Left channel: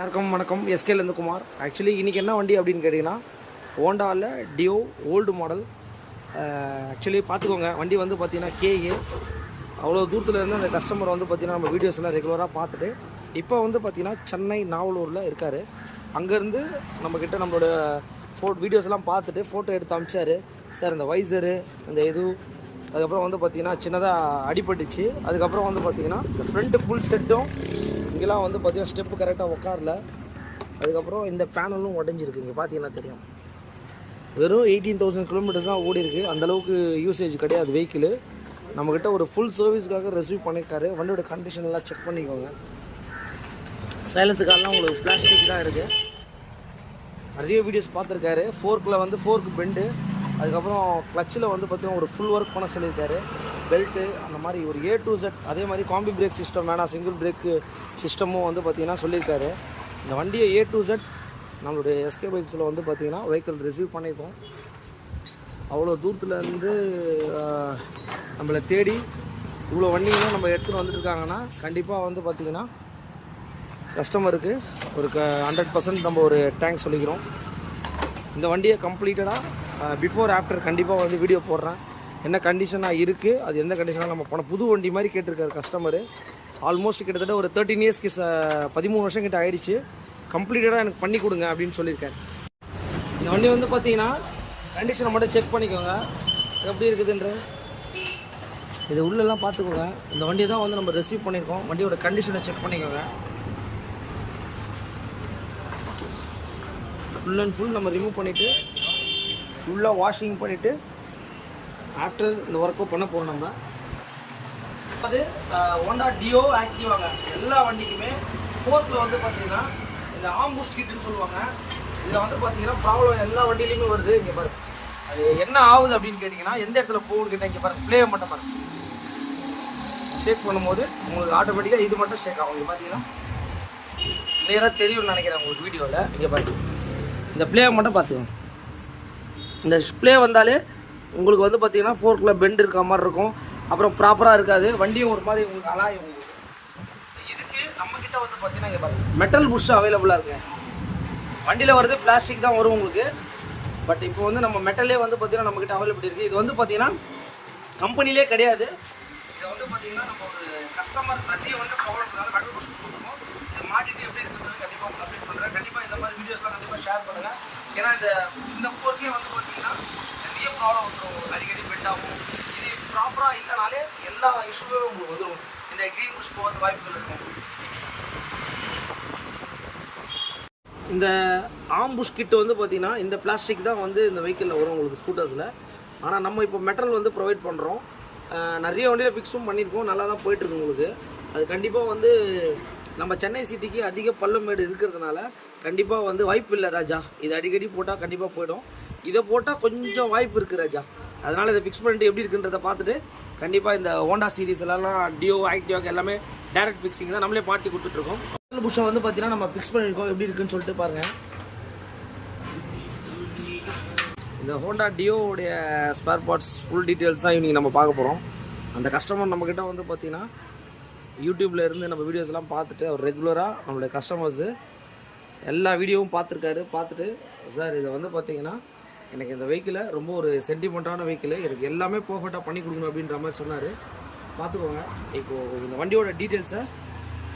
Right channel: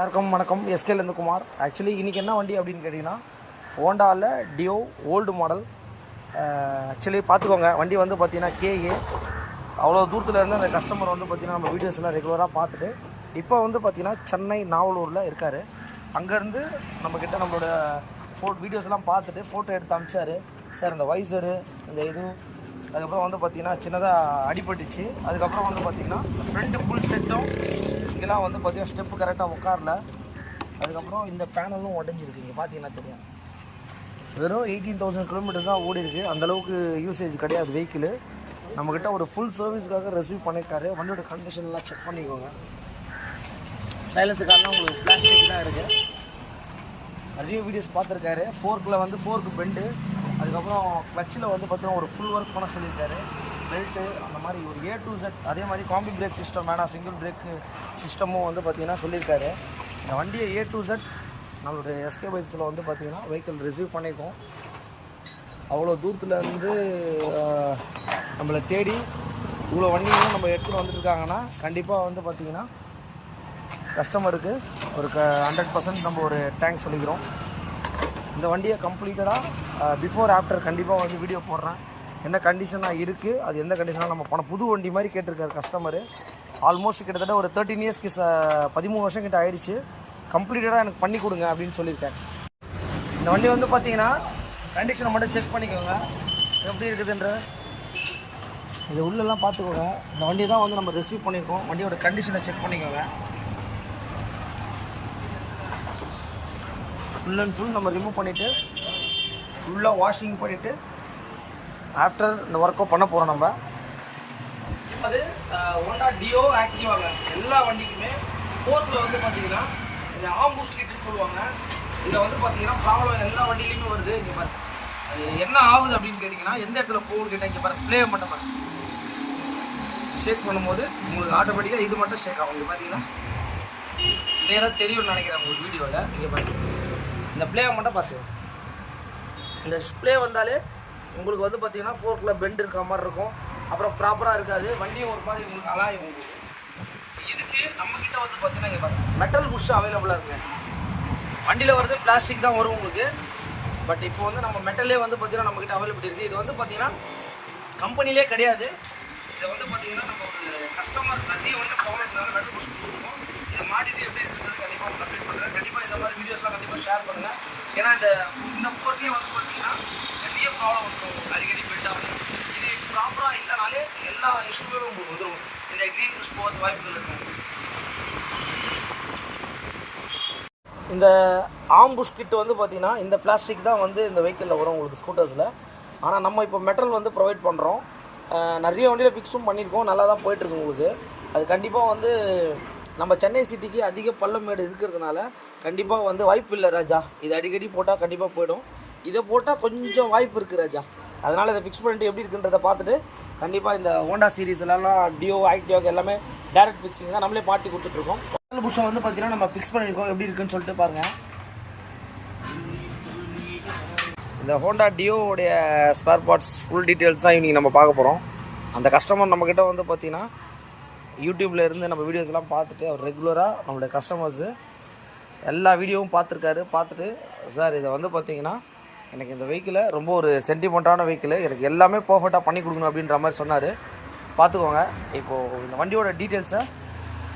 வணக்கம் எஸ்கேலேருந்து குமார். ஆக்சுவலி இன்றைக்கி என்ன வண்டி அப்படின்னு கேட்டிங்கன்னா ஹோண்டாவில் டியோ ஓல்டு மாடல். ஆக்சுவலி பார்த்துக்கோங்க, வண்டி வந்து பார்த்திங்கன்னா கேஏ. அவ்வளோ தூரத்தில் இருந்து அந்த கஸ்டமர் வந்து பார்த்திங்கன்னா நம்ம வீடியோஸ் எல்லாம் ரெகுலராக பார்த்துட்டு இப்போ வந்து பார்த்திங்கன்னா சென்னை நாவலூரில் இருக்கார். அங்கேருந்து நம்மக்கிட்ட நம்மளோட வீடியோஸ் எல்லாம் பார்த்துட்டு ஃபோட்டோ எடுத்து அனுப்பிச்சார். சார் இந்த வைசரு இந்த இது அதுக்கப்புறம் வந்து பார்த்திங்கன்னா சின்னதாக அடிபட்டுச்சு. அதுக்கப்புறம் வந்து பார்த்திங்கன்னா இந்த ஃப்ரண்ட்டு ஃபுல் செட்டும் இங்கெல்லாம் வந்து பார்த்திங்கன்னா ஸ்டெப்பு கரெக்டாக உட்காரல. அதுக்கப்புறம் இந்த பேனலும் உடஞ்சிருக்கு. இங்கே பார்த்தீங்கன்னா தெரியும், வெறும் 18,000 கிலோமீட்டர்ஸ் தான் ஓடி இருக்குது. அந்தளவுக்கு யூசேஜ் கிடையாது வெஹிக்கிள். நம்மக்கிட்ட ஒரு ஃபுல் சர்வீஸ்க்காக ரெசீவ் பண்ணியிருக்காரு. வண்டியோட கண்டிஷன் எல்லாம் செக் பண்ணிக்கோங்க. சைலன்ஸுக்காரெலாம் உங்களுக்கு பிளாஸ்டிக் தான் இருக்குது. நிறைய வீடியோஸ் பார்த்துருக்காரு. ஃபோர்க்கில் வந்து ஃபோர்க்கு பெண்டு, அதுக்கப்புறம் கிளச்சில் வந்து பார்த்திங்கன்னா ஒரு ஃபுல் ஒர்க் பண்ண சொல்லியிருக்காரு. பெல்ட்டு அந்த மாதிரி ஒரு A to Z. அதே மாதிரி காம்பி பிரேக் சிஸ்டம் வேணாம், சிங்கிள் பிரேக்கு சிஸ்டமும் வந்து பார்த்திங்கன்னா சொல்லியிருக்காரு. இந்த வண்டியை A to Z நம்மளுடைய எஸ்கே பைக்ஸில் வந்து பார்த்திங்கன்னா வெஹிக்கிள் ரிசீவ் பண்ணியிருக்கோம். அவ்வளோ தூரத்துலேருந்து நம்மளை தேடி இவ்வளோ வண்டிங்களும் நம்ம எடுத்துகிட்டு வந்துட்டுருக்காங்கன்னா கண்டிப்பாக வந்து பார்த்திங்கன்னா கஸ்டமருக்கு ஒரு 100% நம்ம ஒரு தேங்க்ஸ் சொல்லிக்கிறோம். இந்த வண்டியை கம்ப்ளீட்டடாக பிஃபோர் ஆஃப்டர் கண்டிப்பாக வந்து வீடியோ போடுறேன். என்ன கண்டிஷனாக இருக்குது, அது எந்த கண்டிஷனாக நம்ம போன புது வண்டி மாதிரி கேட்டிருக்காரு கஸ்டமரு. ஆல்மோஸ்ட் கிட்டத்தட்ட ஒரு 13 இயர்ஸ்க்கு 13 வருஷம் கிட்ட ஆகிடுச்சு. கம்ப்ளீட்டடாக எனக்கு பண்ணி கொடுங்க அப்படின்னு சொல்லியிருக்கேன். இந்த வண்டி வந்து பார்த்தீங்கன்னா கண்டிஷனை மட்டும் செக் பண்ணிக்கோங்க எப்படி இருக்குதுன்ற. இது உள்ளெல்லாம் பார்த்துக்கோங்க. இந்த வண்டியை தான் வந்து நம்ம ரிசீவ் பண்ணியிருக்கோம். வண்டியோட கண்டிஷனை செக் பண்ணிக்கோங்க. ஃபுல் அண்ட் ஃபுல் நம்ம ரிமூவ் பண்ணிவிட்டு ஃபுல்லாக வாஷிங் பண்ணிவிட்டு ஆஃப்டர் இந்த ஒர்க்கோ பண்ண போகிறோம். நம்ம அது ஹோண்டா டியோ ஆக்டிவாங்க எல்லா வண்டிக்குமே ஃபோர்க்கில் வந்து பார்த்தீங்கன்னா இந்த ஆம்பூஸ் கிட்டுன்னு சொல்லுவாங்க. இதில் வந்து பார்த்தீங்கன்னா ப்ராப்ளம் எல்லா வண்டியிலையுமே வருது. இங்கே பாருங்க, அது என்ன ஆகுது அப்படின்னு கேட்டிங்கன்னா எந்த இடத்துல போகுதுக்கிட்ட இங்கே பாருங்க ப்ளே மட்டும் பாருங்க. ஷேக் பண்ணும்போது உங்களுக்கு ஆட்டோமேட்டிக்காக இது மட்டும் ஷேக் ஆகும். பார்த்தீங்கன்னா கிளியராக தெரியும்னு நினைக்கிறேன் உங்களுக்கு வீடியோவில். இங்கே பாருங்க, இந்த ப்ளேவை மட்டும் பார்த்துங்க. இந்த ப்ளே வந்தாலே உங்களுக்கு வந்து பார்த்தீங்கன்னா ஃபோர்க்கில் பெண்ட் இருக்க மாதிரி இருக்கும். அப்புறம் ப்ராப்பராக இருக்காது. வண்டியும் ஒரு மாதிரி உங்களுக்கு அலாயும். இதுக்கு நம்மக்கிட்ட வந்து பார்த்தீங்கன்னா இங்கே பாருங்கள் மெட்டல் புஷ் அவைலபிளாக இருக்குது. வண்டியில் வருது பிளாஸ்டிக் தான் வரும் உங்களுக்கு. பட் இப்போ வந்து நம்ம மெட்டலே வந்து பார்த்தீங்கன்னா நம்மக்கிட்ட அவைலபிலிட்டி இருக்குது. இது வந்து பார்த்தீங்கன்னா கம்பெனிலே கிடையாது. இதை வந்து பார்த்தீங்கன்னா நம்ம ஒரு கஸ்டமர் நிறைய வந்து ப்ராப்ளம் மெட்டல் புஷ் கொடுத்துருக்கோம். இதை மாட்டிட்டு எப்படி இருக்குன்னு கண்டிப்பாக அப்டேட் பண்ணுறேன். கண்டிப்பாக இந்த மாதிரி வீடியோஸ்லாம் கண்டிப்பாக ஷேர் பண்ணுங்கள். ஏன்னா இந்த போர்ட்லேயே வந்து பார்த்தீங்கன்னா நிறைய ப்ராப்ளம் வந்துடும். அடிக்கடி பெட் ஆகும். இது ப்ராப்பராக இல்லைனாலே எல்லா இஷ்யூமே உங்களுக்கு வந்துடும். இந்த க்ரீன் புஷ் போகிறது வாய்ப்புகள் இருக்குது. இந்த ஆம்புஷ் கிட்டு வந்து பார்த்திங்கன்னா இந்த பிளாஸ்டிக் தான் வந்து இந்த வெஹிக்கிளில் வரும் உங்களுக்கு ஸ்கூட்டர்ஸில். ஆனால் நம்ம இப்போ மெட்டல் வந்து ப்ரொவைட் பண்ணுறோம். நிறைய வண்டியில் ஃபிக்ஸும் பண்ணியிருக்கோம். நல்லா தான் போயிட்டுருக்கு உங்களுக்கு. அது கண்டிப்பாக வந்து நம்ம சென்னை சிட்டிக்கு அதிக பள்ளமேடு இருக்கிறதுனால கண்டிப்பாக வந்து வாய்ப்பு இல்லை ராஜா. இது அடிக்கடி போட்டால் கண்டிப்பாக போயிடும். இதை போட்டால் கொஞ்சம் வாய்ப்பு இருக்குது ராஜா. அதனால் இதை ஃபிக்ஸ் பண்ணிட்டு எப்படி இருக்குன்றதை பார்த்துட்டு கண்டிப்பாக இந்த ஹோண்டா சீரீஸ் எல்லாம் டியோ ஆக்டிவாக்கு எல்லாமே டேரக்ட் ஃபிக்ஸிங் தான் நம்மளே மாட்டி கொடுத்துட்ருக்கோம். மெட்டல் புஷ்ஷை வந்து பார்த்தீங்கன்னா நம்ம ஃபிக்ஸ் பண்ணியிருக்கோம். எப்படி இருக்குன்னு சொல்லிட்டு பாருங்கள். இந்த ஹோண்டா டியோவுடைய ஸ்பேர் பார்ட்ஸ் ஃபுல் டீட்டெயில்ஸ் தான் இன்றைக்கி நம்ம பார்க்க போகிறோம். அந்த கஸ்டமர் நம்மக்கிட்ட வந்து பார்த்திங்கன்னா யூடியூப்பில் இருந்து நம்ம வீடியோஸ் எல்லாம் பார்த்துட்டு அவர் ரெகுலராக நம்மளுடைய கஸ்டமர்ஸு எல்லா வீடியோவும் பார்த்துருக்காரு. பார்த்துட்டு சார் இதை வந்து பார்த்திங்கன்னா எனக்கு இந்த வெஹிக்கிளை ரொம்ப ஒரு சென்டிமெண்ட்டான வெஹிக்கிள், எனக்கு எல்லாமே பர்ஃபெக்டாக பண்ணி கொடுக்கணும் அப்படின்ற மாதிரி சொன்னார். பார்த்துக்கோங்க. இப்போது இந்த வண்டியோட டீட்டெயில்ஸை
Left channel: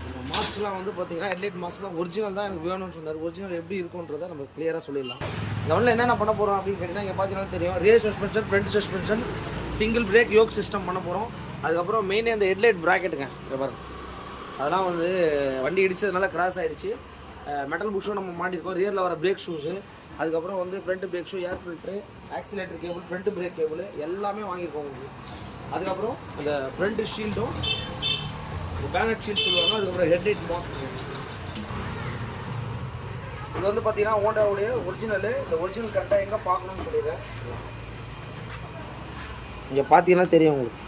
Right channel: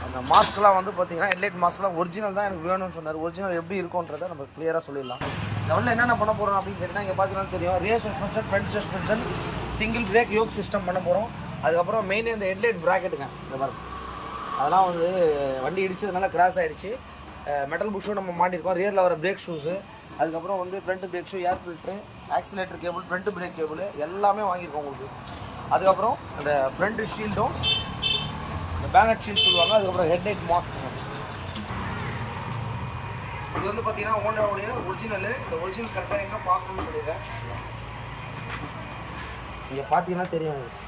அந்த மாஸ்க்லாம் வந்து பார்த்திங்கன்னா ஹெட்லைட் மாஸ்க்லாம் ஒரிஜினல் தான் எனக்கு வேணும்னு சொன்னார். ஒரிஜினல் எப்படி இருக்குன்றதை நம்ம கிளியராக சொல்லிடலாம். இந்த வண்டியில் என்னென்ன பண்ண போகிறோம் அப்படின்னு கேட்டிங்கன்னா இங்கே பார்த்தீங்கன்னா தெரியும், rear suspension, front suspension, single brake, yoke system பண்ண போகிறோம். அதுக்கப்புறம் மெயினே இந்த ஹெட்லைட் ப்ராக்கெட்டுங்க இங்கே பாருங்க, அதெல்லாம் வந்து வண்டி இடித்ததுனால கிராஸ் ஆகிடுச்சு. மெட்டல் புஷ்ஷும் நம்ம மாட்டியிருக்கோம். ரியரில் வர பிரேக் ஷூஸு, அதுக்கப்புறம் வந்து ஃப்ரண்ட் பிரேக் ஷூ, ஏர் filter, oscillator cable, front break cable எல்லாமே வாங்கியிருக்கோம் உங்களுக்கு. அதுக்கப்புறம் இந்த ஃப்ரண்ட் ஷீல்டும், இந்த பேனட் ஷீல்ட் சொல்லுவாங்க. அதுக்கப்புறம் ஹெட்லைட் மாஸ்க்குங்க. இது வந்து பார்த்தீங்கன்னா ஹோண்டாவுடைய ஒரிஜினலு. இந்த ஒரிஜினல் கரெக்டாக எங்கே பார்க்கணும்னு சொல்லிடுறேன். இங்கே பார்த்தீங்கன்னா தெரியும் உங்களுக்கு.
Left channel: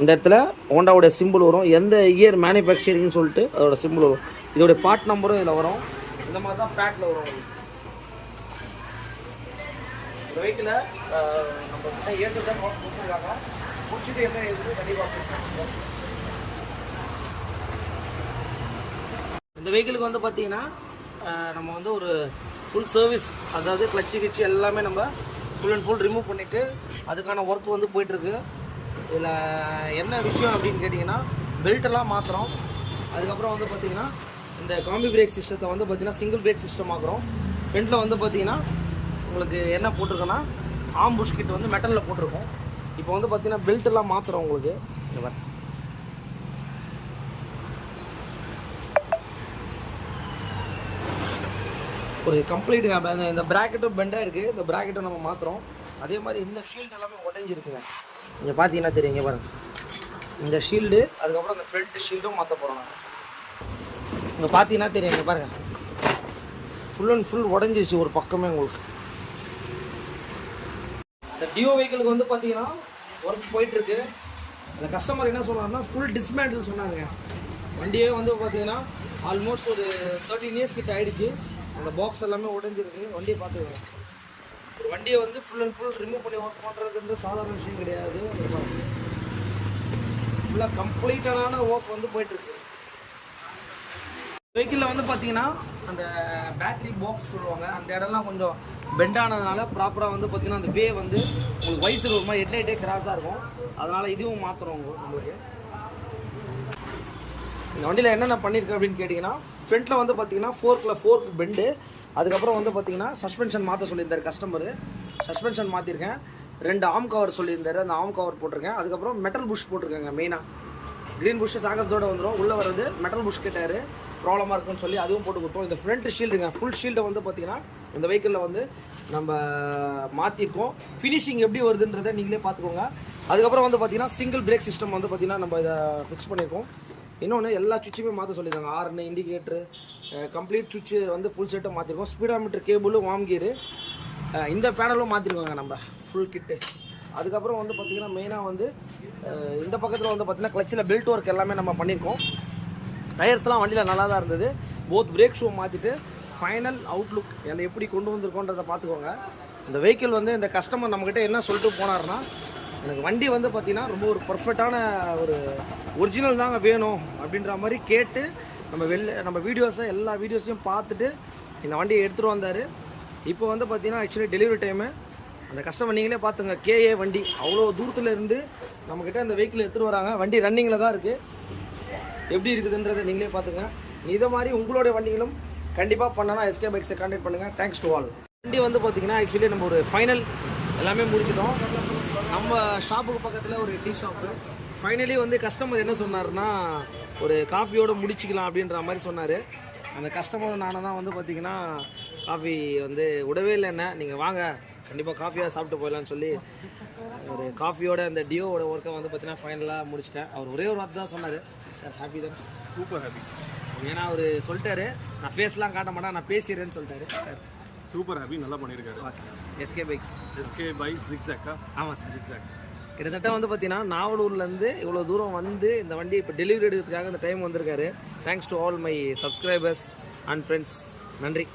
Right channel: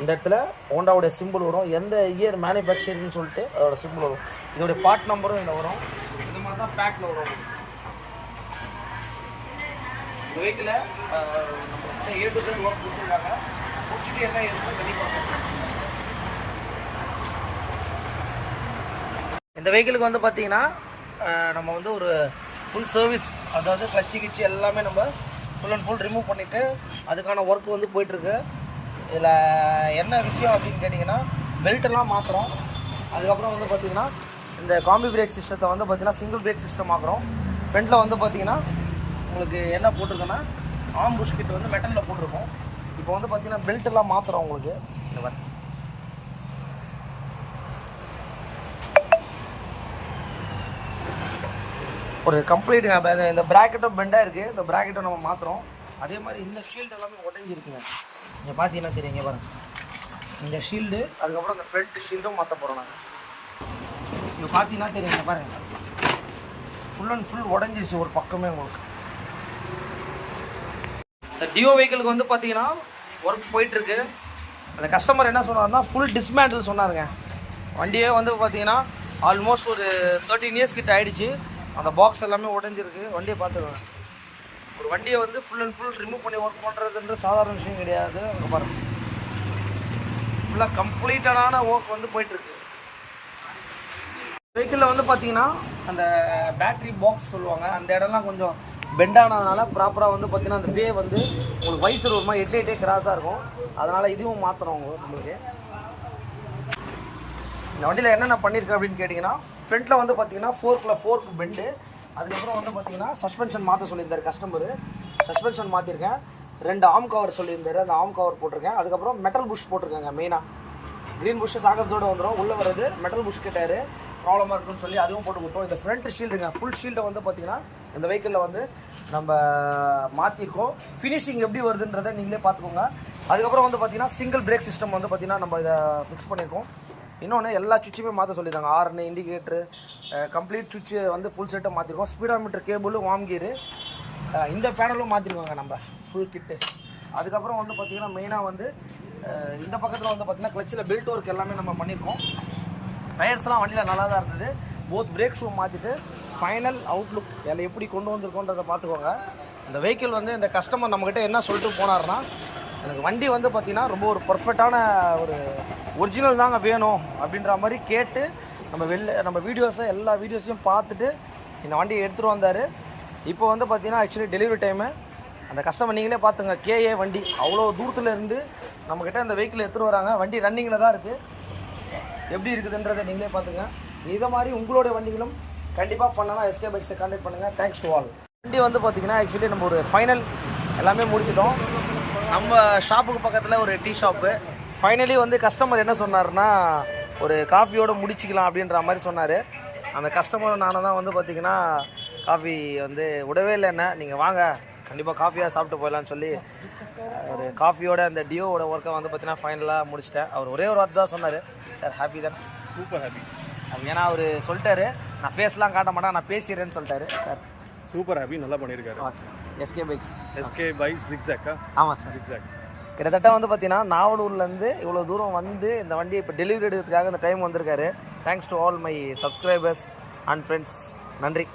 இந்த இடத்துல ஹோண்டாவுடைய சிம்பிள் வரும். எந்த இயர் மேனுஃபேக்சரிங்னு சொல்லிட்டு அதோட சிம்பிள் வரும். இதோடைய பார்ட் நம்பரும் இதில் வரும். இந்த மாதிரி தான் பேக்கில் வரும். இந்த வெஹிக்கிளை A to Z ஒர்க் கொடுத்துருக்காங்க. முடிச்சுட்டு என்ன இருக்குது கண்டிப்பாக இந்த வெஹிக்கிளுக்கு வந்து பார்த்திங்கன்னா நம்ம வந்து ஒரு ஃபுல் சர்வீஸ், அதாவது கிளச்சு கிச்சு எல்லாமே நம்ம ஃபுல் அண்ட் ஃபுல் ரிமூவ் பண்ணிவிட்டு அதுக்கான ஒர்க் வந்து போயிட்டுருக்கு. இதில் என்ன விஷயம் அப்படின்னு கேட்டிங்கன்னா, பெல்ட்டெல்லாம் மாற்றுறோம். அதுக்கப்புறம் வந்து பார்த்திங்கன்னா இந்த காம்பி பிரேக் சிஸ்டத்தை வந்து பார்த்திங்கன்னா சிங்கிள் பிரேக் சிஸ்டம் ஆக்குறோம். ஃப்ரண்ட்டில் வந்து பார்த்திங்கன்னா உங்களுக்கு என்ன போட்டிருக்கோன்னா ஆம் புஷ் கிட் வந்து மெட்டலில் போட்டிருக்கோம். இப்போ வந்து பார்த்திங்கன்னா பெல்ட்டெல்லாம் மாற்றுறோம். உங்களுக்கு இந்த மாதிரி ஒரு கம்ப்ளீட் இந்த ப்ராக்கெட்டும் பெண்டாக இருக்குது. இந்த ப்ராக்கெட்டும் நம்ம மாற்றுறோம். அதே மாதிரி இந்த ஷீல்டு எல்லாமே உடஞ்சிருக்குங்க. நீங்கள் பார்த்தீங்கன்னா தெரியுங்க பாருங்கள், இந்த ஷீல்டு அதுக்கப்புறம் அந்த ஃப்ரண்ட் ஷீல்டும் மாற்ற போகிறோம். நான் இங்கே பார்த்தீங்கன்னா தெரியுங்க பாருங்கள், ஃபுல் அண்ட் ஃபுல் உடஞ்சிருச்சு ஒரு பக்கமே உங்களுக்கு. இந்த டியோ வெஹிக்கிளுக்கு வந்து பார்த்தீங்கன்னா ஒர்க் போயிட்டுருக்கு. அந்த கஸ்டமர் என்ன சொன்னார்னா ஃபுல் டிஸ்மேண்டில் சொன்னாருங்க. வண்டியே வந்து பார்த்தீங்கன்னா ஆல்மோஸ்ட் ஒரு 13 இயர்ஸ் கிட்ட ஆகிடுச்சு. அந்த பாக்ஸ் எல்லாமே உடஞ்சிருக்கு. வண்டியை பார்த்துக்கோங்க. ஒரு வண்டியை வந்து ஃபுல் அண்ட் ஃபுல் ரிமூவ் பண்ணி ஒர்க் பண்ணுறதுன்ற சாதாரண விஷயம் கிடையாது. அங்கே பாருங்கள், ஃபுல்லாக கம்ப்ளீட்டடான ஒர்க் வந்து போயிட்டுருக்கு. வெஹிக்கிளில் வந்து பார்த்தீங்கன்னா அந்த பேட்ரி பாக்ஸ் சொல்லுவாங்க, அந்த இடம்லாம் கொஞ்சம் பெண்டானதுனால ப்ராப்பராக வந்து பார்த்தீங்கன்னா அந்த வே வந்து உங்களுக்கு வைசர் ஒரு மாதிரி ஹெட்லைட்டே கிராஸாக இருக்கும். அதனால் இதுவும் மாற்றுறோம் நம்மளுக்கு. இந்த வண்டியில் என்னென்ன பண்ணியிருக்கேன் அப்படின்னு கேட்டிங்கன்னா, ஃப்ரண்ட்டில் வந்து பார்த்தீங்கன்னா ஃபோர்க்கு பெண்டு. அதுக்கப்புறம் வந்து பார்த்தீங்கன்னா சஸ்பென்ஷன் மாற்ற சொல்லியிருந்தார் கஸ்டமரு. சஸ்பென்ஷன் மாற்றிருக்கேன். 2 ஆம் கவர் சொல்லியிருந்தார், அந்த ஆம் கவர் போட்டிருக்கேன். அதுக்கப்புறம் மெட்டல் புஷ் போட்டிருக்கேங்க. மெயினாக க்ரீன் புஷ்ஷு சாகத்தோடு வந்துடும். உள்ளே வர்றது மெட்டல் புஷ் கேட்டார், ப்ராப்ளமாக இருக்குன்னு சொல்லி அதுவும் போட்டு கொடுத்தோம். இந்த ஃப்ரண்ட் ஷீல்டுங்க, ஃபுல் ஷீல்டை வந்து பார்த்தீங்கன்னா இந்த வெஹிக்கிளில் வந்து நம்ம மாற்றிருக்கோம். ஃபினிஷிங் எப்படி வருதுன்றதை நீங்களே பார்த்துக்கோங்க. அதுக்கப்புறம் வந்து பார்த்தீங்கன்னா சிங்கிள் பிரேக் சிஸ்டம் வந்து பார்த்தீங்கன்னா நம்ம இதை ஃபிக்ஸ் பண்ணியிருக்கோம். இன்னொன்று எல்லா சுவிட்சுமே மாற்ற சொல்லியிருந்தாங்க. ஹார்னு, இண்டிகேட்ரு, கம்ப்ளீட் சுவிட்சு வந்து ஃபுல் செட்டை மாற்றிருக்கோம். ஸ்பீடாமீட்டர் கேபிள், வார்ம் கீரு, இந்த பேனலும் மாற்றிருக்கோங்க நம்ம ஃபுல் கிட்டு. அதுக்கப்புறம் வந்து பார்த்திங்கன்னா மெயினாக வந்து இந்த பக்கத்தில் வந்து பார்த்திங்கன்னா கிளச்சில் பெல்ட் ஒர்க் எல்லாமே நம்ம பண்ணியிருக்கோம். டயர்ஸ்லாம் வண்டியில் நல்லா தான் இருந்தது. போத் பிரேக் ஷூ மாற்றிட்டு ஃபைனல் அவுட்லுக் எல்லாம் எப்படி கொண்டு வந்திருக்கோன்றதை பார்த்துக்கோங்க. இந்த வெஹிக்கிள் வந்து இந்த கஸ்டமர் நம்மக்கிட்ட என்ன சொல்லிட்டு போனார்னா, எனக்கு வண்டி வந்து பார்த்திங்கன்னா ரொம்ப ஒரு பர்ஃபெக்டான ஒரு ஒரிஜினல் தாங்க வேணும் அப்படின்ற மாதிரி கேட்டு நம்ம வீடியோஸை எல்லா வீடியோஸையும் பார்த்துட்டு இந்த வண்டியை எடுத்துகிட்டு வந்தார். இப்போ வந்து பார்த்திங்கன்னா ஆக்சுவலி டெலிவரி டைமு அந்த கஸ்டமர் நீங்களே பார்த்துங்க. கேஏ வண்டி அவ்வளோ தூரத்தில் இருந்து நம்மக்கிட்ட அந்த வெஹிக்கிள் எடுத்துகிட்டு வராங்க. வண்டி ரன்னிங்கில் தான் இருக்குது. எப்படி இருக்குதுன்றதை நீங்களே பார்த்துங்க. இதை மாதிரி உங்களுடைய வண்டிகளும் கண்டிப்பாக பண்ணனா எஸ்கே பைக்ஸை கான்டாக்ட் பண்ணுங்கள். Thanks to all. வண்டி வந்து பார்த்திங்கன்னா ஆக்சுவலி நம்ம ஒரு ஃபைனல் எல்லாமே முடிச்சிட்டோம். நம்ம ஷாப்புக்கு பக்கத்தில் ஒரு டீ ஷாப்பு. ஃபைனலி வந்து கஸ்டமர் என்ன சொன்னார்னா, ஒரு காஃபியோடு முடிச்சிக்கலாம் அப்படின்ற மாதிரி சொன்னார். அந்த கஸ்டமர் நானும் தான் வந்து பார்த்திங்கன்னா காஃபி வந்து விடவே இல்லை. என்ன நீங்கள் வாங்க கண்டிப்பாக காஃபியாக சாப்பிட்டு போயிடலான்னு சொல்லி ஒரு காஃபியோட அந்த டியோவோட ஒர்க்கை வந்து பார்த்திங்கன்னா ஃபைனலாக முடிச்சிட்டேன். அவர் ஒரே ஒரு வார்த்தை தான் சொன்னார், சார் ஹாப்பி தானே? Super happy. ஏன்னா அவர் சொல்லிட்டாரு, நான் ஃபேஸ்லாம் காட்ட மாட்டேன், நான் பேசிடுறேன்னு சொல்லிட்டாரு. சார் சூப்பர் ஹாப்பி, நல்லா பண்ணியிருக்காரு. SK bikes. எஸ்கே பைக்ஸ் ஜிக்ஸாக்கா? ஆமாம் சார், ஜிக்ஸாக். கிட்டத்தட்ட வந்து பார்த்தீங்கன்னா நாவலூர்லேருந்து இவ்வளோ தூரம் வந்து இந்த வண்டியை இப்போ டெலிவரி எடுக்கிறதுக்காக இந்த டைம் வந்திருக்காரு. Thanks to all my subscribers and friends. நன்றி.